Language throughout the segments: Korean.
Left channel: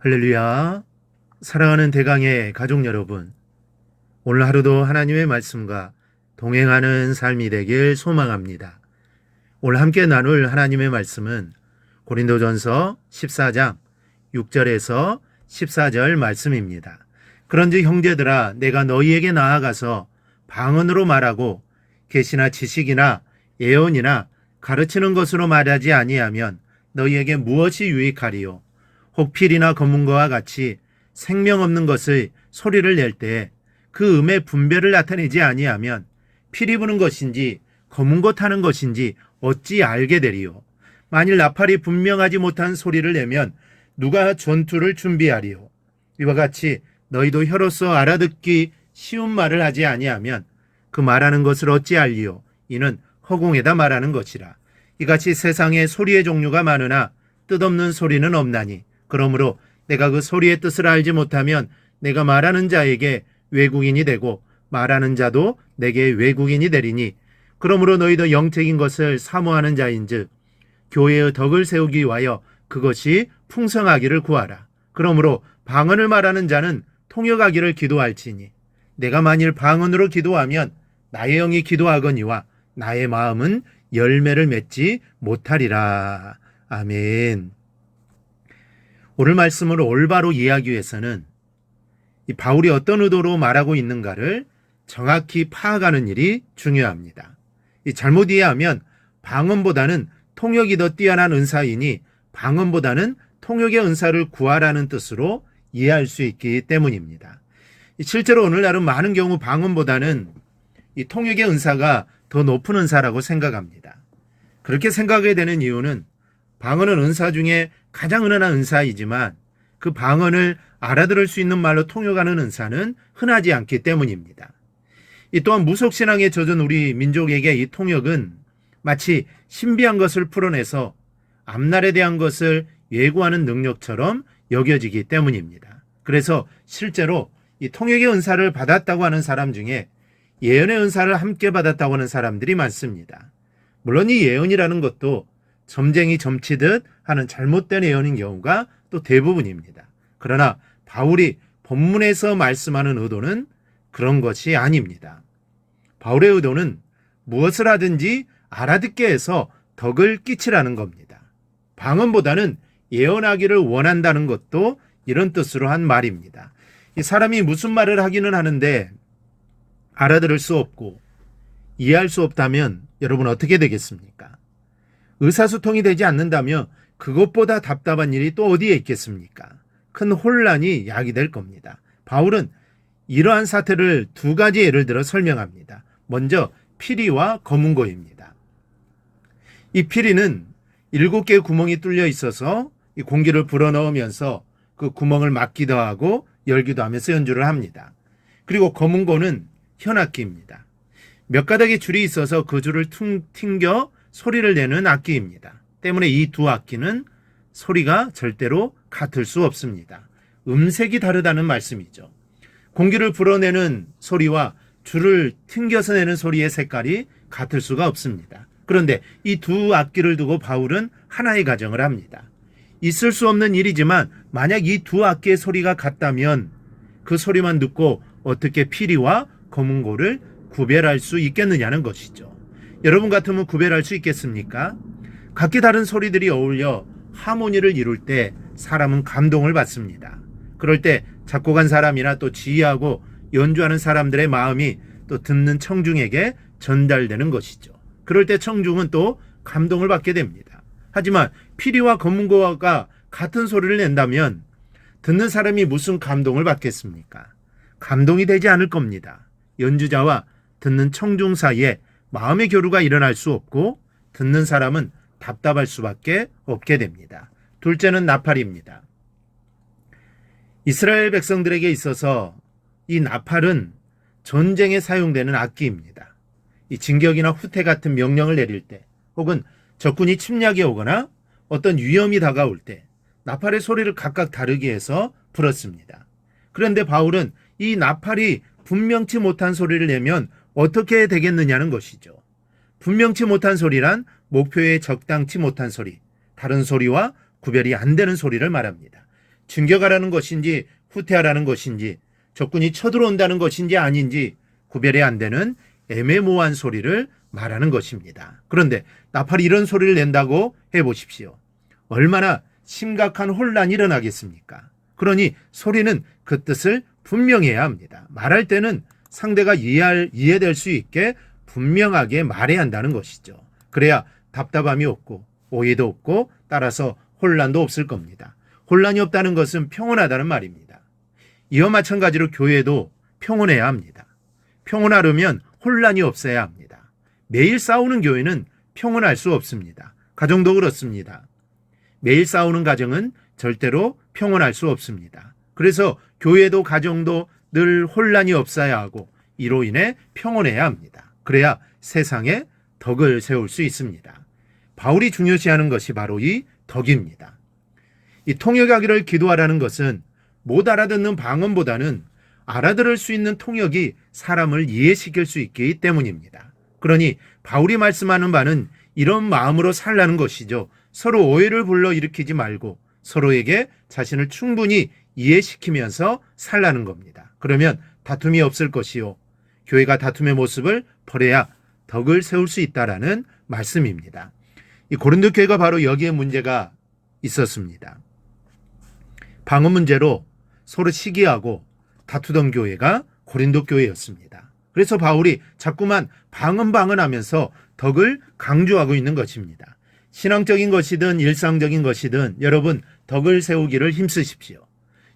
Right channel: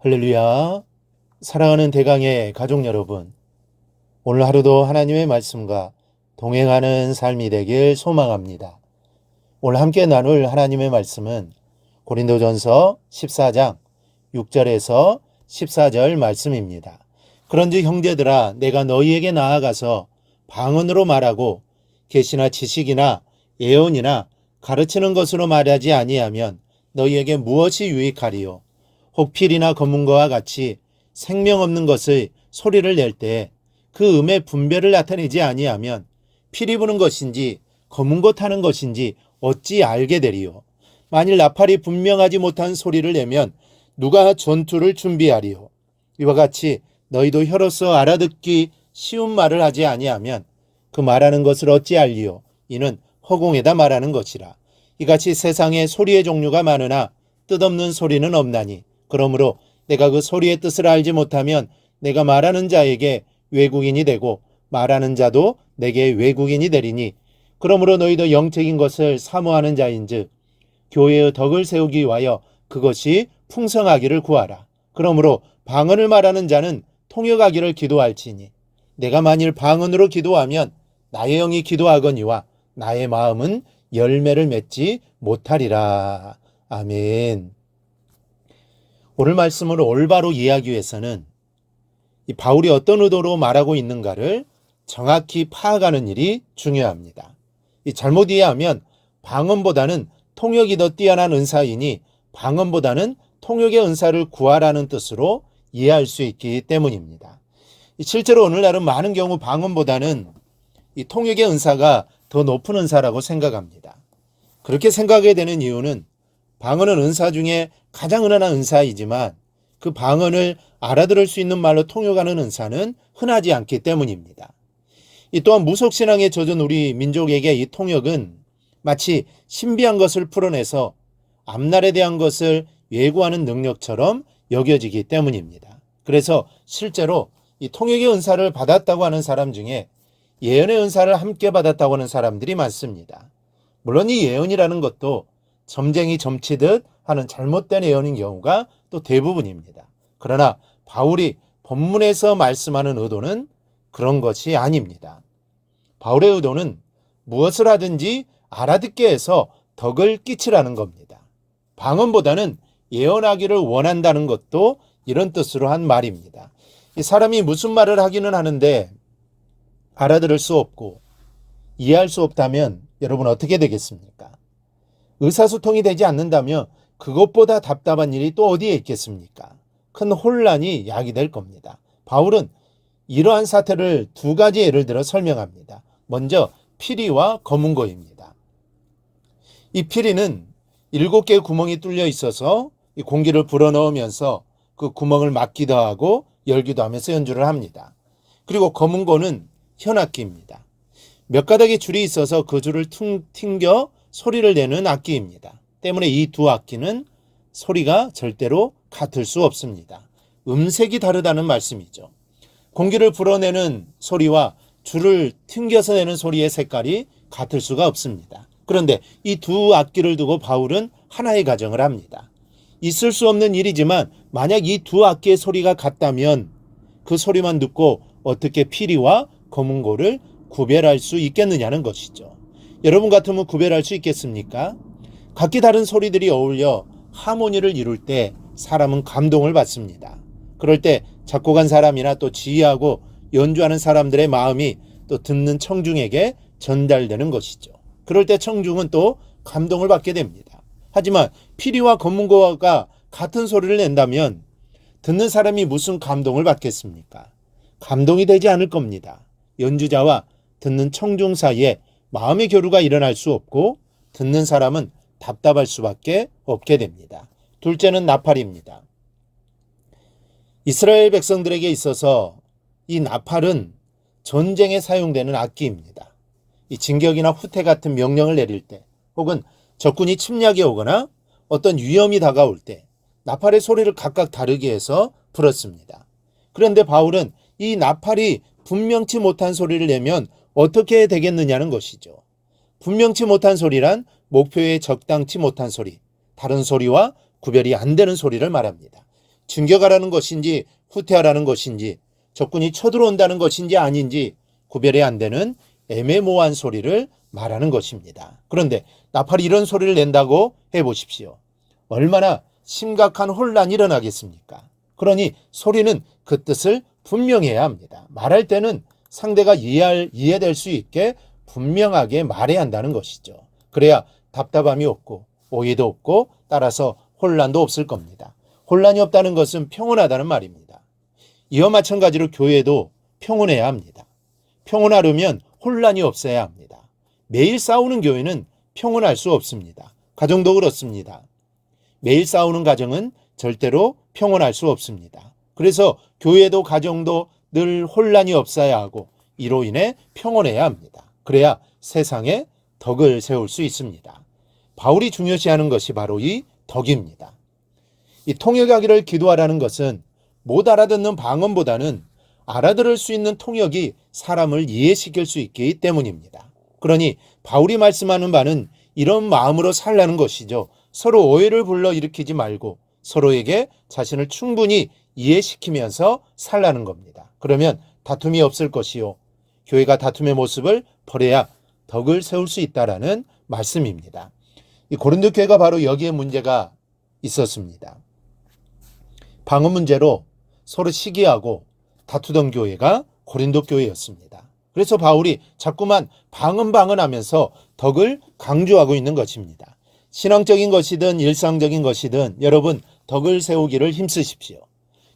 할렐루야. 사랑하는 대강의 가족 여러분, 오늘 하루도 하나님의 말씀과 동행하는 삶이 되길 소망합니다. 오늘 함께 나눌 하나님의 말씀은 고린도전서 14장 6절에서 14절 말씀입니다. 그런즉 형제들아, 내가 너희에게 나아가서 방언으로 말하고 계시나 지식이나 예언이나 가르치는 것으로 말하지 아니하면 너희에게 무엇이 유익하리요? 혹 필이나 검은거와 같이 생명 없는 것의 소리를 낼 때 그 음의 분별을 나타내지 아니하면 피리 부는 것인지 검은 것 하는 것인지 어찌 알게 되리요? 만일 나팔이 분명하지 못한 소리를 내면 누가 전투를 준비하리요? 이와 같이 너희도 혀로서 알아듣기 쉬운 말을 하지 아니하면 그 말하는 것을 어찌 알리요? 이는 허공에다 말하는 것이라. 이같이 세상에 소리의 종류가 많으나 뜻없는 소리는 없나니 그러므로 내가 그 소리의 뜻을 알지 못하면 내가 말하는 자에게 외국인이 되고 말하는 자도 내게 외국인이 되리니 그러므로 너희도 영적인 것을 사모하는 자인즉 교회의 덕을 세우기 위하여 그것이 풍성하기를 구하라. 그러므로 방언을 말하는 자는 통역하기를 기도할지니 내가 만일 방언으로 기도하면 나의 영이 기도하거니와 나의 마음은 열매를 맺지 못하리라. 아멘. 오늘 말씀을 올바로 이해하기 위해서는 이 바울이 어떤 의도로 말하고 있는가를 정확히 파악하는 일이 중요합니다. 이 잘못 이해하면 방언보다는 통역이 더 뛰어난 은사이니 방언보다는 통역의 은사를 구하라는 뜻으로 이해할 수 있기 때문입니다. 실제로 오늘날은 많은 경우 방언보다는 이 통역의 은사가 더 높은 은사라고 생각합니다. 그렇게 생각하게 되는 이유는 방언은 은사 중에 가장 은은한 은사이지만 그 방언을 알아들을 수 있는 말로 통역하는 은사는 흔하지 않기 때문입니다. 이 또한 무속신앙에 젖은 우리 민족에게 이 통역은 마치 신비한 것을 풀어내서 앞날에 대한 것을 예고하는 능력처럼 여겨지기 때문입니다. 그래서 실제로 이 통역의 은사를 받았다고 하는 사람 중에 예언의 은사를 함께 받았다고 하는 사람들이 많습니다. 물론 이 예언이라는 것도 점쟁이 점치듯 하는 잘못된 예언인 경우가 또 대부분입니다. 그러나 바울이 본문에서 말씀하는 의도는 그런 것이 아닙니다. 바울의 의도는 무엇을 하든지 알아듣게 해서 덕을 끼치라는 겁니다. 방언보다는 예언하기를 원한다는 것도 이런 뜻으로 한 말입니다. 이 사람이 무슨 말을 하기는 하는데 알아들을 수 없고 이해할 수 없다면 여러분 어떻게 되겠습니까? 의사소통이 되지 않는다면 그것보다 답답한 일이 또 어디에 있겠습니까? 큰 혼란이 야기될 겁니다. 바울은 이러한 사태를 두 가지 예를 들어 설명합니다. 먼저 피리와 검은고입니다. 이 피리는 7개의 구멍이 뚫려 있어서 이 공기를 불어넣으면서 그 구멍을 막기도 하고 열기도 하면서 연주를 합니다. 그리고 검은고는 현악기입니다. 몇 가닥의 줄이 있어서 그 줄을 튕겨 소리를 내는 악기입니다. 때문에 이 두 악기는 소리가 절대로 같을 수 없습니다. 음색이 다르다는 말씀이죠. 공기를 불어내는 소리와 줄을 튕겨서 내는 소리의 색깔이 같을 수가 없습니다. 그런데 이 두 악기를 두고 바울은 하나의 가정을 합니다. 있을 수 없는 일이지만 만약 이 두 악기의 소리가 같다면 그 소리만 듣고 어떻게 피리와 검은고를 구별할 수 있겠느냐는 것이죠. 여러분 같으면 구별할 수 있겠습니까? 각기 다른 소리들이 어울려 하모니를 이룰 때 사람은 감동을 받습니다. 그럴 때 작곡한 사람이나 또 지휘하고 연주하는 사람들의 마음이 또 듣는 청중에게 전달되는 것이죠. 그럴 때 청중은 또 감동을 받게 됩니다. 하지만 피리와 검은고가 같은 소리를 낸다면 듣는 사람이 무슨 감동을 받겠습니까? 감동이 되지 않을 겁니다. 연주자와 듣는 청중 사이에 마음의 교류가 일어날 수 없고 듣는 사람은 답답할 수밖에 없게 됩니다. 둘째는 나팔입니다. 이스라엘 백성들에게 있어서 이 나팔은 전쟁에 사용되는 악기입니다. 이 진격이나 후퇴 같은 명령을 내릴 때 혹은 적군이 침략해 오거나 어떤 위험이 다가올 때 나팔의 소리를 각각 다르게 해서 불었습니다. 그런데 바울은 이 나팔이 분명치 못한 소리를 내면 어떻게 되겠느냐는 것이죠. 분명치 못한 소리란 목표에 적당치 못한 소리, 다른 소리와 구별이 안 되는 소리를 말합니다. 진격하라는 것인지 후퇴하라는 것인지 적군이 쳐들어온다는 것인지 아닌지 구별이 안 되는 애매모호한 소리를 말하는 것입니다. 그런데 나팔이 이런 소리를 낸다고 해보십시오. 얼마나 심각한 혼란이 일어나겠습니까? 그러니 소리는 그 뜻을 분명해야 합니다. 말할 때는 상대가 이해될 수 있게 분명하게 말해야 한다는 것이죠. 그래야 답답함이 없고 오해도 없고 따라서 혼란도 없을 겁니다. 혼란이 없다는 것은 평온하다는 말입니다. 이와 마찬가지로 교회도 평온해야 합니다. 평온하려면 혼란이 없어야 합니다. 매일 싸우는 교회는 평온할 수 없습니다. 가정도 그렇습니다. 매일 싸우는 가정은 절대로 평온할 수 없습니다. 그래서 교회도 가정도 늘 혼란이 없어야 하고 이로 인해 평온해야 합니다. 그래야 세상에 덕을 세울 수 있습니다. 바울이 중요시하는 것이 바로 이 덕입니다. 이 통역하기를 기도하라는 것은 못 알아듣는 방언보다는 알아들을 수 있는 통역이 사람을 이해시킬 수 있기 때문입니다. 그러니 바울이 말씀하는 바는 이런 마음으로 살라는 것이죠. 서로 오해를 불러일으키지 말고 서로에게 자신을 충분히 이해시키면서 살라는 겁니다. 그러면 다툼이 없을 것이요. 교회가 다툼의 모습을 버려야 덕을 세울 수 있다라는 말씀입니다. 이 고린도 교회가 바로 여기에 문제가 있었습니다. 방언 문제로 서로 시기하고 다투던 교회가 고린도 교회였습니다. 그래서 바울이 자꾸만 방언하면서 덕을 강조하고 있는 것입니다. 신앙적인 것이든 일상적인 것이든 여러분 덕을 세우기를 힘쓰십시오.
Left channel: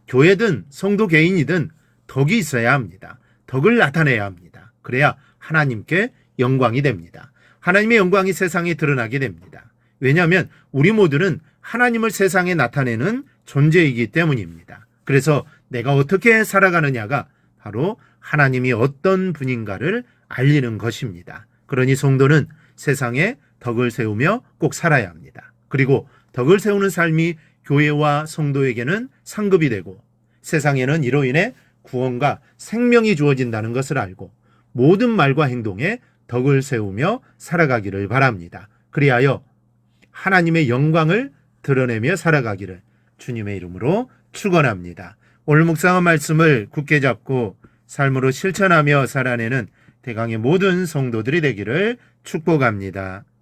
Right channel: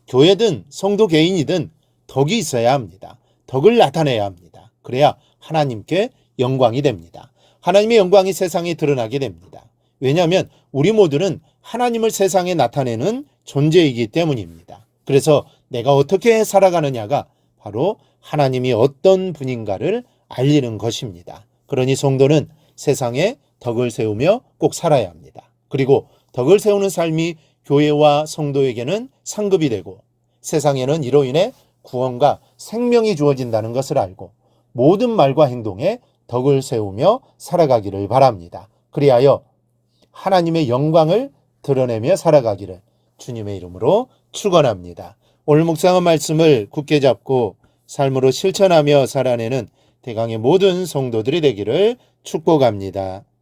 교회든 성도 개인이든 덕이 있어야 합니다. 덕을 나타내야 합니다. 그래야 하나님께 영광이 됩니다. 하나님의 영광이 세상에 드러나게 됩니다. 왜냐하면 우리 모두는 하나님을 세상에 나타내는 존재이기 때문입니다. 그래서 내가 어떻게 살아가느냐가 바로 하나님이 어떤 분인가를 알리는 것입니다. 그러니 성도는 세상에 덕을 세우며 꼭 살아야 합니다. 그리고 덕을 세우는 삶이 교회와 성도에게는 상급이 되고 세상에는 이로 인해 구원과 생명이 주어진다는 것을 알고 모든 말과 행동에 덕을 세우며 살아가기를 바랍니다. 그리하여 하나님의 영광을 드러내며 살아가기를 주님의 이름으로 축원합니다. 오늘 묵상한 말씀을 굳게 잡고 삶으로 실천하며 살아내는 대강의 모든 성도들이 되기를 축복합니다.